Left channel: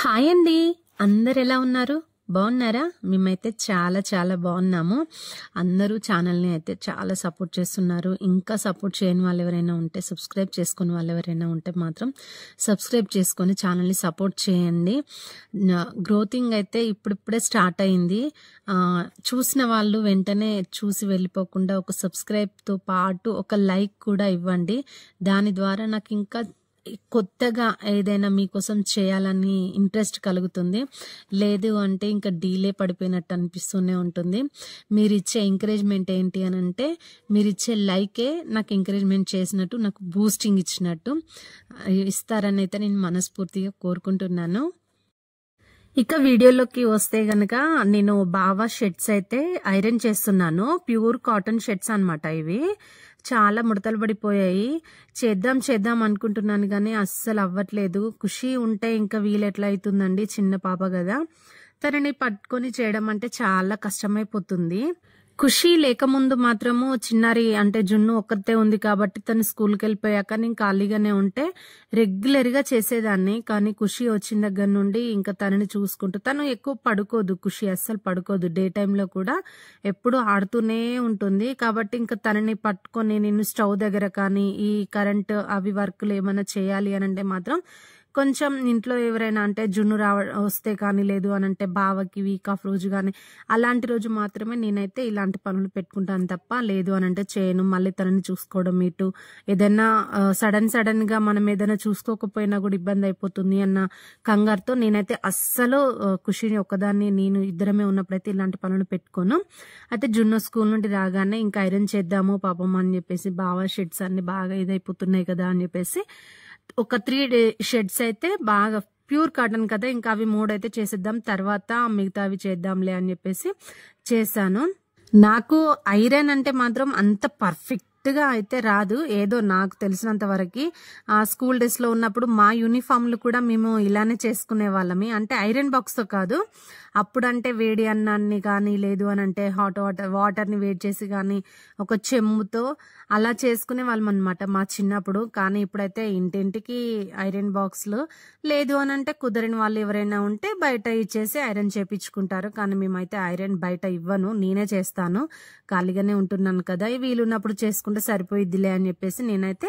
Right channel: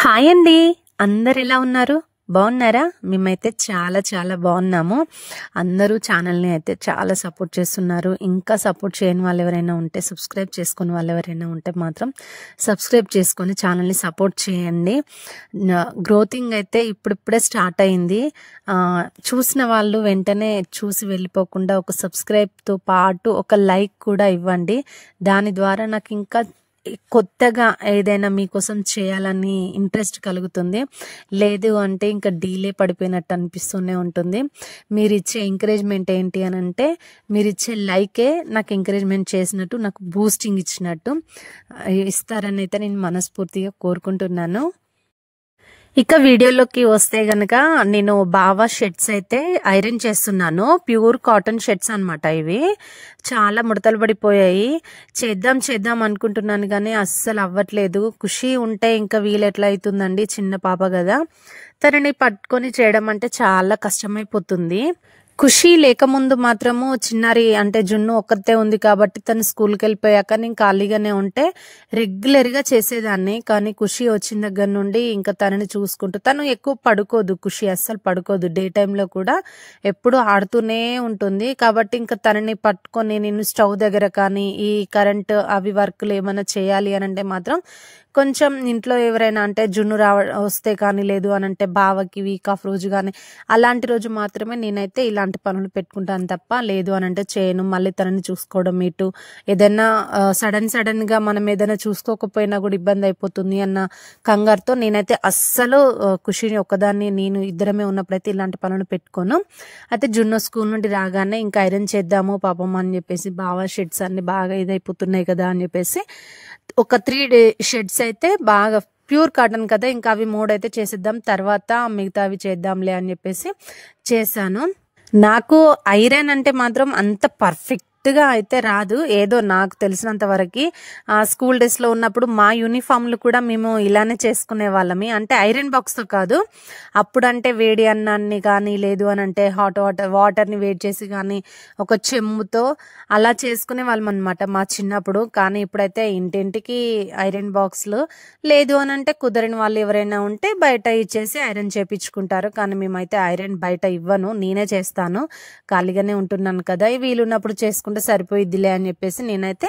Hi అండి. అందరు ఎలా ఉన్నారు? బాగున్నారా? మేమైతే చాలా చాలా బాగున్నాము. అందరూ ఛానల్ని అయితే చాలా సపోర్ట్ చేస్తున్నారు. ఇంకా సపోర్ట్ చేయని వాళ్ళు ఎవరైనా ఉంటే, సబ్స్క్రైబ్ చేసుకుని వాళ్ళు ఎవరైనా ఉంటే మాత్రం సబ్స్క్రైబ్ చేసుకొని ఛానల్ని సపోర్ట్ చేయండి. గ్రోతింగ్ అయితే ఇప్పుడిప్పుడే స్టార్ట్ అయింది. చూసిన వాళ్ళు వెంటనే చూసి వెళ్ళిపోకుండా ఒక సబ్స్క్రైబ్తో పాటు ఒక లైక్ కూడా ఇవ్వండి. దాని ద్వారా నాకు ఇంకా కొత్తగా ఏదైనా మీకోసం చేయాలని ఇంట్రెస్ట్ కలుగుతుంది. లేదు అంటే ఇంకా డీలే పడిపోయినట్టు అనిపిస్తూనే ఉంటుంది. మీరు ఇచ్చే ఎంకరేజ్మెంట్ ఏంటి అని అంటే, మీరు ఇచ్చే లైకే నాకు ఎంకరేజ్మెంట్ చేసినట్టు, నాకు బూస్టింగ్ ఇచ్చినట్టు. ఇస్తారని అయితే నేను మనస్ఫూర్తిగా కోరుకుంటున్నాను. ఇక వీడియోలోకి వస్తే గనక నేను బావా షర్ట్స్ అయితే ఐరన్ చేస్తున్నాను. ప్యూర్ కాటన్ షర్ట్స్ అన్నమాట. ఇవి చాలా ముడతలు పడిపోయాయి. చేద్దాం అనుకుంటున్నాను కానీ అస్సలు అవ్వట్లేదు. ఖుషి ఉంటే ఇంకా వీలు ఎట్లా అవుతుందండి, చిన్న పాప కదా. తనని పట్టుకొని చేయడం అంటే చాలా కష్టమైపోతుంది. ఖుషి లేకముందు మాత్రము చిన్నారి అంటే జున్ను ఒక్కతే ఉంది కాబట్టి తను స్కూల్కి వెళ్ళిపోయాక నేను ఖాళీగానే ఉంటే రెగ్యులర్గా చేసేదాన్ని. కానీ ఖుషి వచ్చిన దగ్గర నుండి ఇంకా తనని చూసుకుంటూ, తను ఎక్కువ పడుకోదు. ఖుషి అస్సలు పడుకోదు. డే టైంలో కూడా ఎప్పుడు ఆడుతూనే ఉంటుంది. కాబట్టి ఇంకా తనని పట్టుకొని నేను స్టవ్ దగ్గర కానీ ఈ కరెంట్ అవి వర్క్లు ఏమైనా చేయాలి అని అంటే మాత్రం కొంచెం ఇంట్లో ఎవరైనా అంటే జున్ను వస్తే కానీ, లేదు అని అంటే బావకి వీక్ ఆఫ్ రోజు కానీ అలాంటి రోజు మాత్రమే నేనైతే ఇలాంటి పనులు పెట్టుకుంటాను తప్ప, లేదు అని అంటే చేయను. మళ్ళీ తనని చూసుకోవడం, ఇటు ఏదైనా సడన్ గా మనం ఏదైనా చూసుకోకపోయినా కూడా ఇబ్బంది అయిపోతుంది అన్న కంగారుతో నేనైతే అస్సలు ఖుషిని ఒక్కదాన్ని, నేను ఇద్దరమే ఉన్నప్పుడైతే ఇలాంటి పనులు పెట్టుకోను. అయితే జున్ను స్కూల్ నుండి రాగానే ఇంకా ఐరన్ చేద్దాము పాపం అని చెప్పేసి, బావా షర్ట్స్ అన్ని బాగా ఇదైపోతున్నాయి కదా అని చెప్పేసి ఒక 3 షర్ట్స్ అయితే బాగా ప్యూర్ కాటన్ కదా, ఇంకా అవి 3 అయితే చేసేద్దాం, తర్వాత మిగతావి చేద్దాంలే అని చెప్పేసి చేశాను. నాకు ఐరన్ అంటే మాత్రం అంత పర్ఫెక్ట్ గా అయితే రాదు. ఏదో నాకు తెలిసినంత వరకు స్కూల్ డేస్ లో ఉన్నప్పుడు మా యూనిఫామ్లు కూడా మేము ఇలానే చేసుకునే వాళ్ళమి. అంటే ఐరన్ బాక్స్ తో కాదు, అప్పుడంటే వేడి అన్నాన్ని కానీ, లేదు అని అంటే హాట్ వాటర్ని వేడి చేసి కానీ ఒక చెంబుతో అలా చేసుకునే వాళ్ళం అనమాట మా చిన్నప్పుడు. కానీ ఇప్పుడైతే ఇంటింటికి ఐరన్ బాక్స్లు, లేదు అని అంటే కుదరని వాళ్ళు ఎవరైనా ఉంటే బయట ఇచ్చేసి ఐరన్ చేపించుకుంటారు. కానీ మేమైతే ఐరన్ బయట ఇవ్వను, నేనే చేస్తాను. ఖాళీగానే ఉంటున్నాను కదా, వీలున్నప్పుడు చేసుకుంటే సరిపోయిద్దిలే అని చెప్పేసి నేనైతే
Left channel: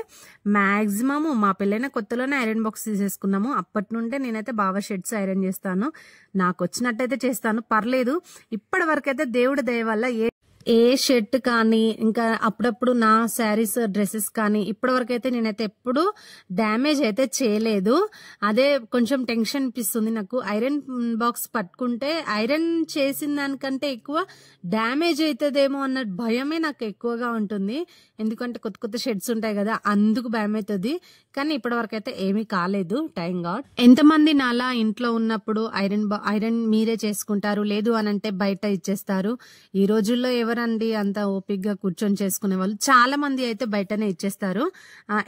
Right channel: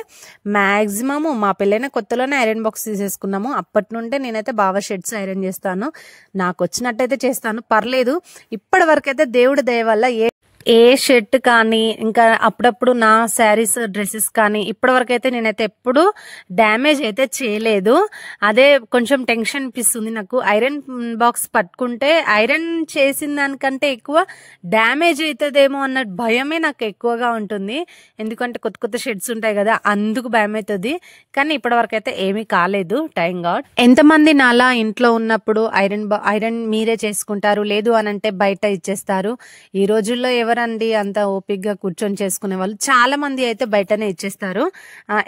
మ్యాక్సిమము మా పెళ్ళైన కొత్తలోనే ఐరన్ బాక్స్ తీసేసుకున్నాము. అప్పటి నుండే నేనైతే బావా షర్ట్స్ ఐరన్ చేస్తాను. నాకు వచ్చినట్టయితే చేస్తాను, పర్లేదు. ఇప్పటి వరకు అయితే దేవుడి దయ వల్ల ఏ షర్ట్ కానీ, ఇంకా అప్పుడప్పుడు నా శారీస్ డ్రెస్సెస్ కానీ ఇప్పటివరకు అయితే నేనైతే ఎప్పుడు డ్యామేజ్ అయితే చేయలేదు. అదే కొంచెం టెన్షన్ అనిపిస్తుంది నాకు. ఐరన్ బాక్స్ పట్టుకుంటే ఐరన్ చేసిన దానికంటే ఎక్కువ డ్యామేజ్ అవుతుందేమో అన్న భయమే నాకు ఎక్కువగా ఉంటుంది. ఎందుకంటే కొత్త షర్ట్స్ ఉంటాయి కదా, అందుకు భయం అవుతుంది. కానీ ఇప్పటివరకు అయితే ఏమీ కాలేదు, థ్యాంక్ గాడ్. ఎంతమంది నాలా ఇంట్లో ఉన్నప్పుడు ఐరన్ మీరే చేసుకుంటారు, లేదు అని అంటే బయట ఇచ్చేస్తారు? ఈ రోజుల్లో ఎవరండి అంత ఓపిక్గా కూర్చొని చేసుకునే వాళ్ళు? చాలా మంది అయితే బయటనే ఇచ్చేస్తారు.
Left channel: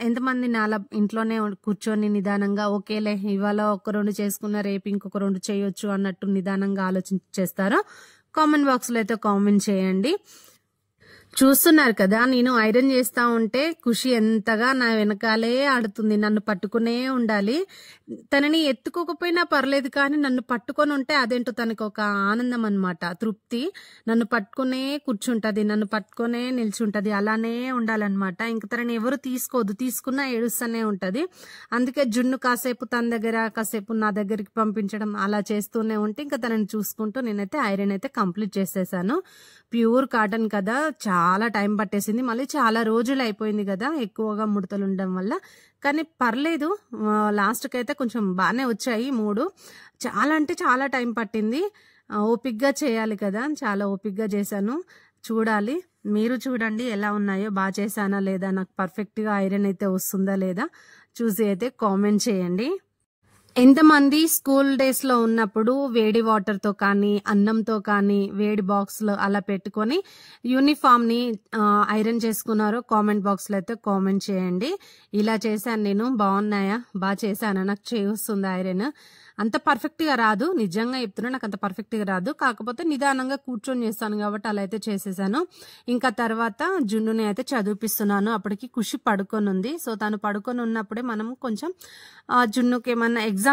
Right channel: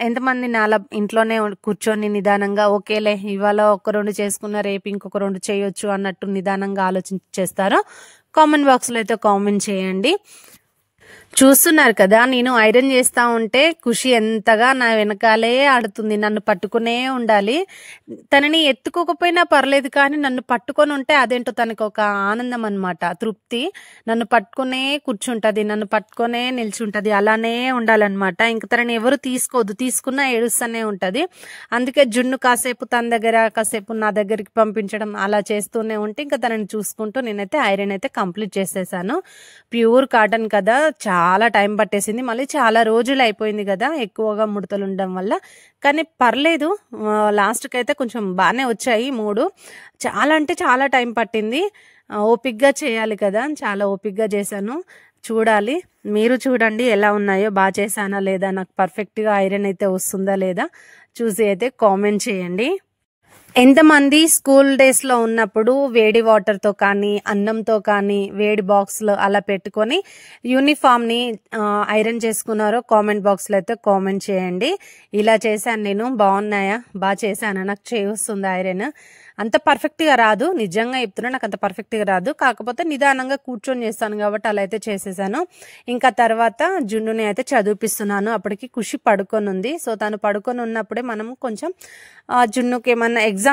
ఎంతమంది నాలా ఇంట్లోనే కూర్చొని నిదానంగా ఓకేలే ఇవాళ ఒక 2 చేసుకున్న రేపు ఇంకొక 2 చేయొచ్చు అన్నట్టు నిదానంగా ఆలోచించేస్తారో కామెంట్ బాక్స్ లో అయితే కామెంట్ చేయండి. చూస్తున్నారు కదా, నేను ఐరన్ చేస్తా ఉంటే ఖుషి ఎంతగా నా వెనకాలే ఆడుతుంది. నన్ను పట్టుకునే ఉండాలి. తనని ఎత్తుకోకపోయినా పర్లేదు కానీ నన్ను పట్టుకొని ఉంటే అదేంటో తనకు ఒక ఆనందం అనమాట, తృప్తి. నన్ను పట్టుకునే కూర్చుంటది, నన్ను పట్టుకునే నిల్చుంటది, అలానే ఉండాలన్నమాట. ఇంక తనని ఎవరు తీసుకోవద్దు, తీసుకున్నా ఏడుస్తూనే ఉంటది. అందుకే జున్ను కాసేపు తన దగ్గర, కాసేపు నా దగ్గరికి పంపించడం అలా చేస్తూనే ఉంటే ఇంకా తనని చూసుకుంటూ నేనైతే ఐరన్ అయితే కంప్లీట్ చేసేసాను. ప్యూర్ కాటన్ కదా, చాలా టైం పట్టేసింది. మళ్ళీ చాలా రోజులు అయిపోయింది కదా ఎక్కువగా ముడతలు ఉండడం వల్ల. కానీ పర్లేదు, లాస్ట్కి అయితే కొంచెం బాగానే వచ్చాయి 3. చాలా అంటే చాలా టైం పట్టింది. ఓపిక్గా చేయాలి కదా, చాలా ఓపిక్గా చేశాను. చూడాలి, మీరు చూడండి ఎలా ఉన్నాయో, బాగా చేశానా లేదా, నాకు పర్ఫెక్ట్గా ఐరన్ అయితే వస్తుందా లేదా చూసి అయితే కామెంట్ చేయండి. ఎంతమంది స్కూల్ డేస్ లో ఉన్నప్పుడు వేడి వాటర్ తో కానీ, అన్నంతో కానీ వేడి బాక్స్ లో అలా పెట్టుకొని యూనిఫామ్ ని ఐరన్ చేసుకున్నారో కామెంట్ బాక్స్ లో అయితే కామెంట్ చేయండి. ఇలా చేశాను నేను, బాగున్నాయా, బాగా చేశానా, నాకు చేయొస్తుందా ఐరన్? అంత పర్ఫెక్ట్గా రాదు, నిజంగా చెప్తున్నా, నాకు అంత పర్ఫెక్ట్గా రాదు. కాకపోతే నిదానంగా కూర్చొని చేస్తాను కాబట్టి అలా అయితే చేసేసాను. ఇంకా తర్వాత జున్నుని అయితే చదివిపిస్తున్నాను. అప్పటికి ఖుషి పడుకొని ఉంది. సో తను పడుకొని ఉన్నప్పుడే మనం కొంచెం జున్నుకి ఏమన్నా ఎగ్జామ్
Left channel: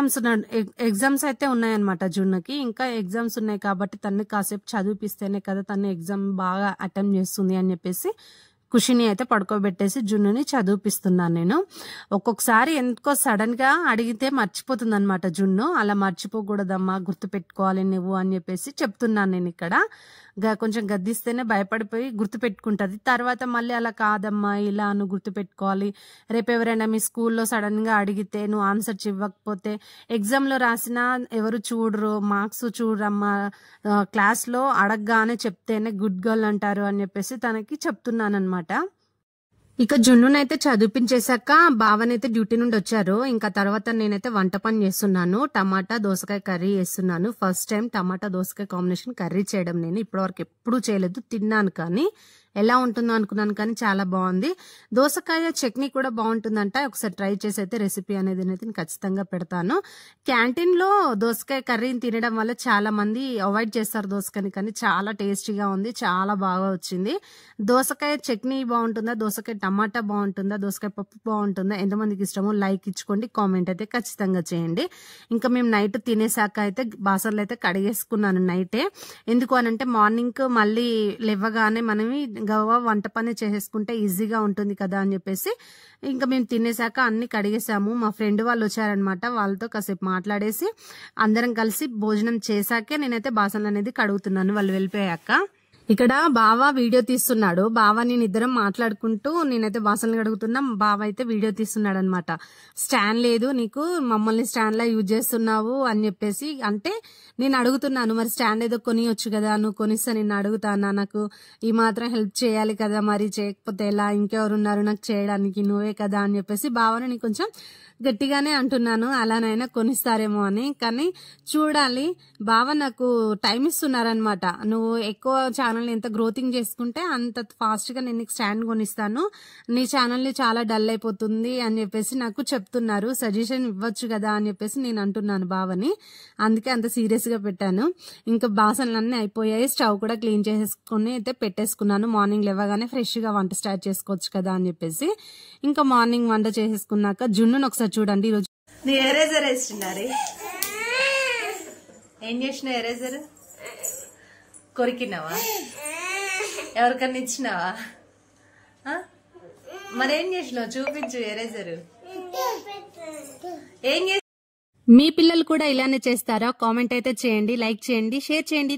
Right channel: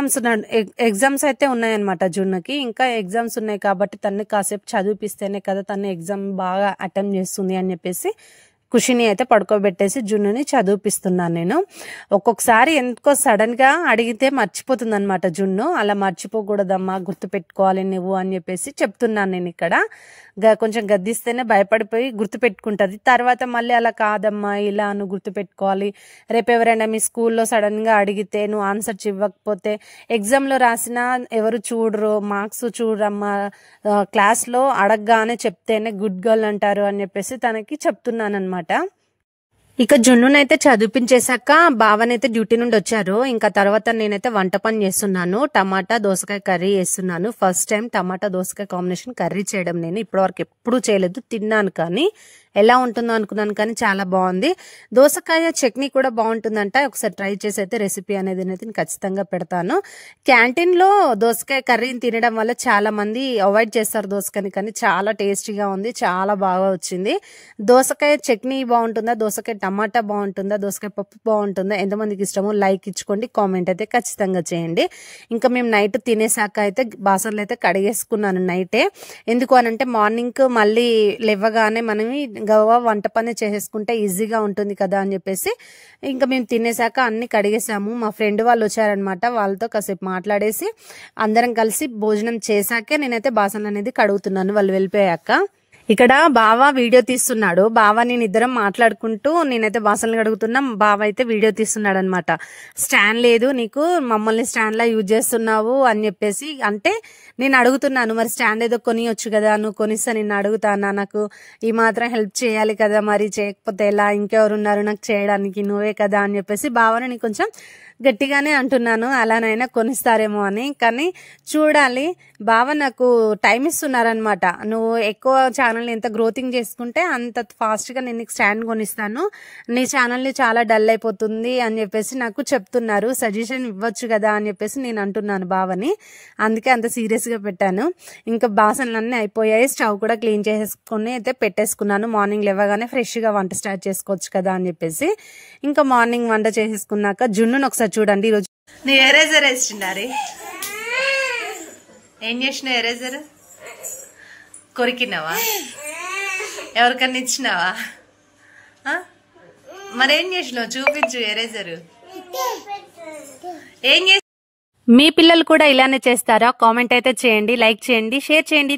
ఎగ్జామ్స్ అయితే ఉన్నాయన్నమాట జున్నుకి. ఇంకా ఎగ్జామ్స్ ఉన్నాయి కాబట్టి తనని కాసేపు చదివిపిస్తేనే కదా తను ఎగ్జామ్ బాగా అటెంప్ట్ చేస్తుంది అని చెప్పేసి ఖుషిని అయితే పడుకోబెట్టేసి జున్నుని చదివిపిస్తున్నాను నేను. ఒక్కొక్కసారి ఎందుకో సడన్ గా అడిగితే మర్చిపోతుంది అనమాట జున్ను. అలా మర్చిపోకూడదమ్మా, గుర్తుపెట్టుకోవాలి నువ్వు అని చెప్పేసి చెప్తున్నాను నేను ఇక్కడ. కొంచెం గద్దిస్తేనే భయపడిపోయి గుర్తుపెట్టుకుంటది. తర్వాత మళ్ళీ అలా కాదమ్మా, ఇలా నువ్వు గుర్తుపెట్టుకోవాలి, రేపు ఎవరైనా మీ స్కూల్లో సడన్ గా అడిగితే నువ్వు ఆన్సర్ ఇవ్వకపోతే ఎగ్జామ్లో రాసినా ఎవరు చూడరు, మార్క్స్ చూడరమ్మా, క్లాస్లో అడగగానే చెప్తేనే గుడ్ గర్ల్ అంటారు అని చెప్పేసి తనకి చెప్తున్నాను అనమాట. ఇక జున్నునైతే చదివించేశాక బావనైతే డ్యూటీ నుండి వచ్చారు. ఇంకా తర్వాత నేనైతే వంట పని చేస్తున్నాను. టమాటా దోసకాయ కర్రీ చేస్తున్నాను. ఫస్ట్ టైం టమాటా దోసకాయ కాంబినేషన్ కర్రీ చేయడం నేను ఇప్పటివరకు ఎప్పుడూ చేయలేదు. తిన్నాను కానీ ఎలా ఉంటుందో అనుకున్నాను కానీ చాలా బాగుంది. దోసకాయ చట్నీ కూడా బాగుంటుందంట. ఒకసారి ట్రై చేసి అయితే రెసిపీ అనేది నేను ఖచ్చితంగా పెడతాను. క్యాంటీన్లో దోసకాయ కర్రీని తినడం వల్ల చాలా మంది అవాయిడ్ చేస్తారు దోసకాయని, కానీ చాలా టేస్టీగా ఉంది, చాలా బాగా వచ్చింది. దోసకాయ చట్నీ బాగుంటుందా, దోసకాయ టమాటా బాగుంటుందా, దోసకాయ పప్పు బాగుంటుందా, ఎంతమందికి ఇష్టమో లైక్ ఇచ్చుకోండి, కామెంట్ అయితే ఖచ్చితంగా చేయండి. ఇంకా మేము నైట్ తినేసాక అయితే బాసన్లు అయితే కడిగేసుకున్నాను నైటే. ఎందుకు అనంటే మార్నింగ్ మళ్ళీ లేవగానే మనం గవ్వ వంట పని చేసేసుకుంటే ఈజీగా ఉంటుంది కదా అని చెప్పేసి ఇంకా మేము తినేసాక అన్ని కడిగేసాము. మా ఫ్రెండ్ వాళ్ళు వచ్చారనమాట, వాళ్ళతో కాసేపు మాట్లాడేసి అందరం కలిసి భోజనం చేశాకే నేనైతే బాసనలు అనేది కడుగుతున్నాను వాళ్ళు వెళ్ళిపోయాక. ఇక్కడ బావ వీడియో తీస్తున్నాడు. బావ నేను ఇద్దరం మాట్లాడుకుంటూ నేనైతే బాసనలు కడుగుతున్నా, బావ అయితే వీడియో తీస్తున్నాడు అనమాట. స్టాండ్ లేదు నీకు, మమ్మల్ని స్టాండ్ లా యూజ్ చేస్తున్నావు అని చెప్పేసి అంటే నేను అడుగుతున్నాను, మరి స్టాండ్ ఏదో కొనియొచ్చు కదా, నువ్వు కొనిస్తా నిన్ను అడుగుతానా, నాకు ఈ మాత్రం హెల్ప్ చేయాలి కదా, మరి చేయకపోతే ఎలా, ఇంకెవరున్నారు నాకు చేయడానికి, నువ్వే కదా అని చెప్పేసి బావని నేను కొంచెం గట్టిగానే అంటున్నాను, అలానైనా కొనిస్తారేమో అని. కానీ చూడాలి, బావ నాకు టైం ఇస్తున్నారనమాట. నువ్వు ఎక్కువ ఛానల్ని ఎంత గ్రోతింగ్ చేసుకుంటే అంత ఫాస్ట్గా నేను నీకు స్టాండ్ కొనిస్తాను, నీ ఛానల్ని చాలా డల్ అయిపోతుంది అని చెప్పేసి నాకు చెప్తున్నారు. సజెషన్ ఇవ్వచ్చు కదా అని చెప్పేసి నేను అంటున్నాను బావని. అందుకే అంత సీరియస్గా పెట్టాను. ఇంకా బాసనలన్నీ అయిపోయాయి, స్టవ్ కూడా క్లీన్ చేసుకుని అయితే పెట్టేసుకున్నాను. మార్నింగ్ లేవగానే ఫ్రెష్గా వంట స్టార్ట్ చేసుకోవచ్చు కదా అని చెప్పేసి ఇంకా మార్నింగ్ వంట చేసేసుకున్నాక జున్నును ఒకసారి చూడండి. ఈరోజు నీ ఎరేజర్ వేసిండారే, ఏం చేసినావు? ఎరేజర్ కొరికినావా, ఎవరికన్నా ఇచ్చినావా? మరేం చేసినావు చూపించు. ఎరేజర్ ఏం చేసి మీ పిల్లలు కూడా ఇలానే చేస్తారా? కామెంట్ అయితే చేయండి, లైక్ చేయండి, షేర్ చేయండి.